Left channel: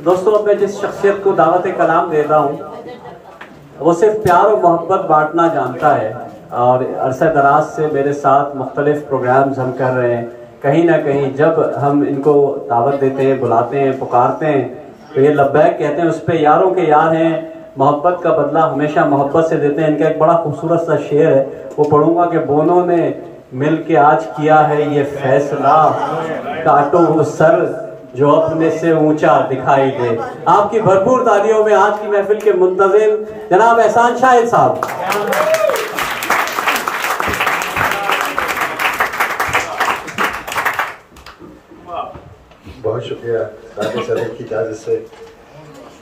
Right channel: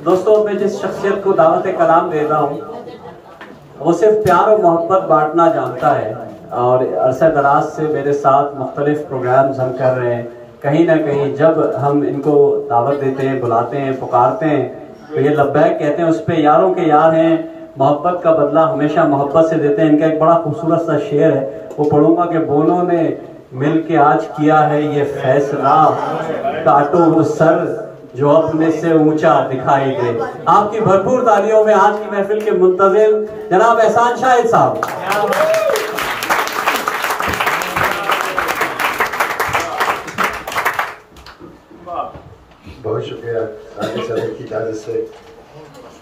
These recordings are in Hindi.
दोस्तों, अब मैं जिस शख्सियत को दावत कलाम दे रहा हूँ वो सिर्फ प्यार और मोहब्बत बांटना जानता है और अरसा दराज से मेरे साथ मुख्तलिफ प्रोग्राम्स हम कर रहे हैं। कहीं ना कहीं जब हम इनको दावत देते हैं, बुलाते हैं, पुकारते हैं तो ये लब्बैक कहते हैं। उस पर यारों के यार हैं, मोहब्बत का बदला हमेशा मोहब्बत से देते हैं। इनका एक बड़ा खूबसूरत सा शेर है, वो पढ़ूंगा कि बोनों ने मिल के आज किया है ये फैसला, काटो वो सर जो अपने से ऊंचा दिखाई दे। आपकी भरपूर तालियों में आज की महफिल के मुंतजिम जनाब एहसान शाहिद साहब। बहुत शुक्रिया राजेश सर की इजाज़त से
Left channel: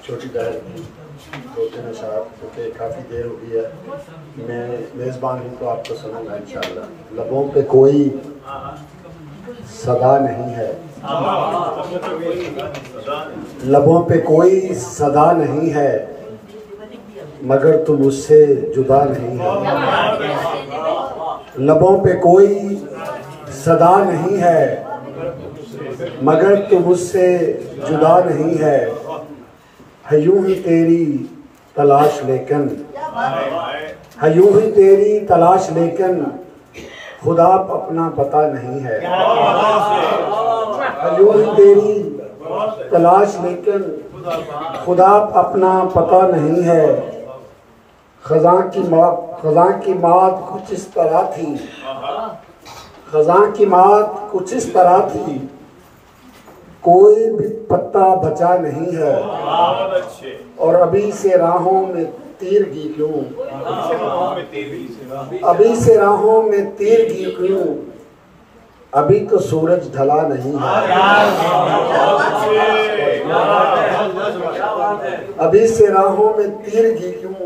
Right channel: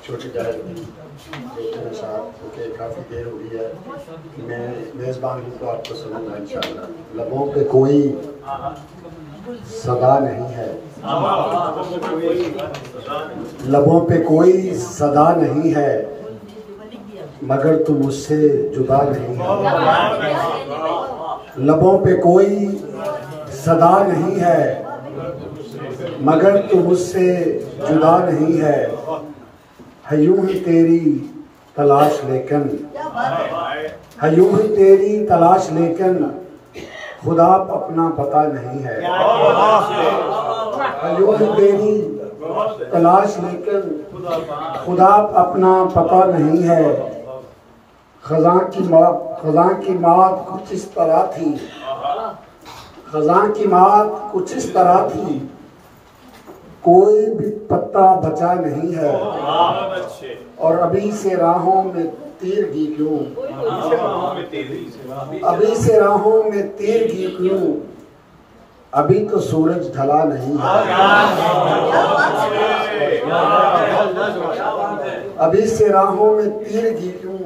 छोटी बहन होते हैं साहब, क्योंकि काफ़ी देर हो गई है। मैं मेज़बान हूँ तो आपको सुनूंगा इंशाअल्लाह। लबों पे कोई सदा नहीं है, लबों पे कोई सदा नहीं है, मगर तुम उससे जुदा नहीं है। लबों पे कोई सदा नहीं है, मगर तुम उससे जुदा नहीं है यूं ही तेरी तलाश लेकिन, यूं ही तेरी तलाश लेकिन खुदा अपना पता नहीं है। यूं ही तेरी तलाश लेकिन खुदा अपना पता नहीं है। खज़ां की मात कुछ इस तरह थी, खज़ां की मात कुछ इस तरह थी, कोई भी पत्ता बचा नहीं है। और अभी से राहों में तीरगी क्यों, अभी से राहों में तीरगी क्यों, अभी तो सूरज ढला नहीं है। अभी से राहों में तीरगी क्यों,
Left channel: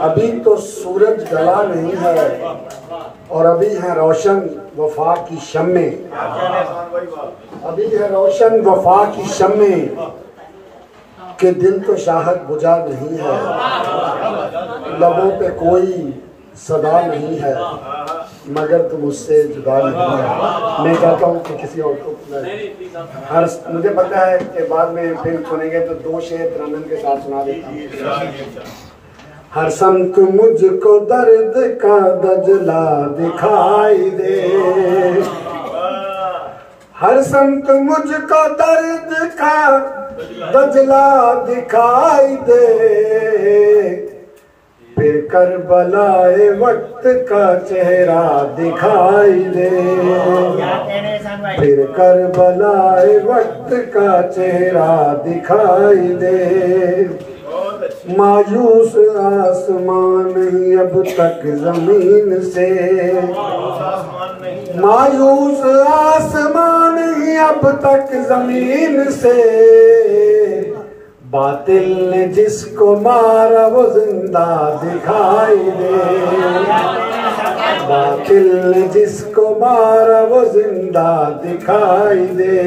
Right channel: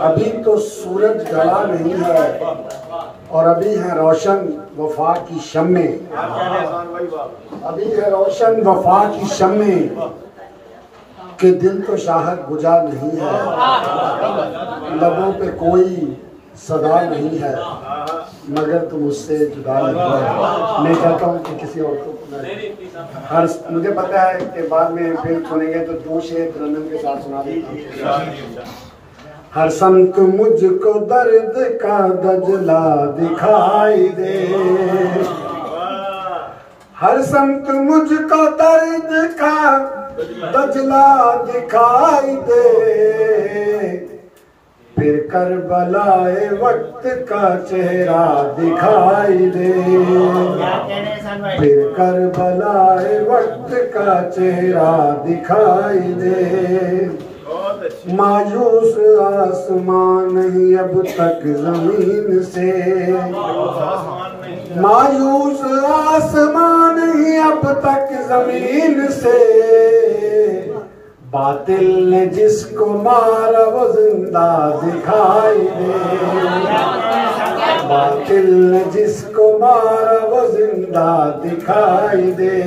अभी तो सूरज ढला नहीं है। और अभी है रोशन वफा की शम्मे, अभी है रोशन वफा की शम्मे, के दिल तो शाहद बुझा नहीं है। लबों पे कोई सदा नहीं है, मगर तुम उससे जुदा नहीं है। मैं चाहता हूँ कि किसी और को हर, मुझे पता है कि बाद में फिर सुनेंगे तो दो शेर तरन्नुम के साथ सुना देता हूँ। हर संत मुझको दर्द का दजला दिखाई दे, हर संत मुझको दर्द का दजला दिखाई दे, फिर करबलाए वक्त का चेहरा दिखाई दे, फिर करबलाए वक्त का चेहरा दिखाई दे। मायूस आसमान नहीं अब तक जमीन से, मायूस आसमान नहीं अब तक जमीन से, बातिल ने जिसको मारा वो जिंदा दिखाई दे, बातिल ने जिसको मारा वो जिंदा दिखाई दे।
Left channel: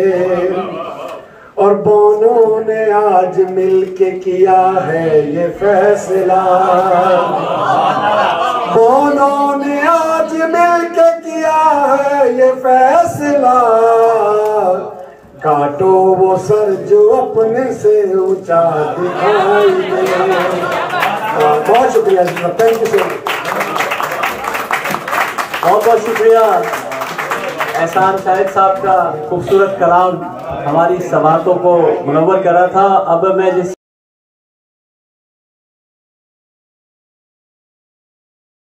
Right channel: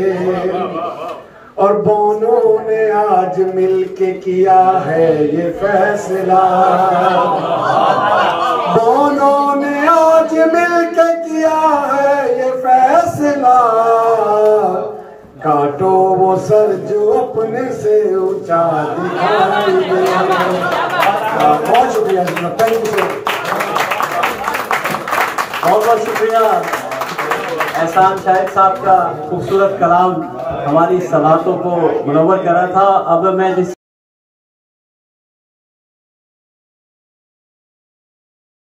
और बोनों ने आज मिलके किया है ये फैसला, बोनों ने आज मिलके किया है ये फैसला, काटो वो सर जो अपने से ऊंचा दिखाई दे। बहुत शुक्रिया, थैंक यू सर, बहुत बहुत शुक्रिया एहसान शाहिद साहब का खूबसूरत कलाम हमारी समातों को मुनव्वर करा था। अब मैं जिस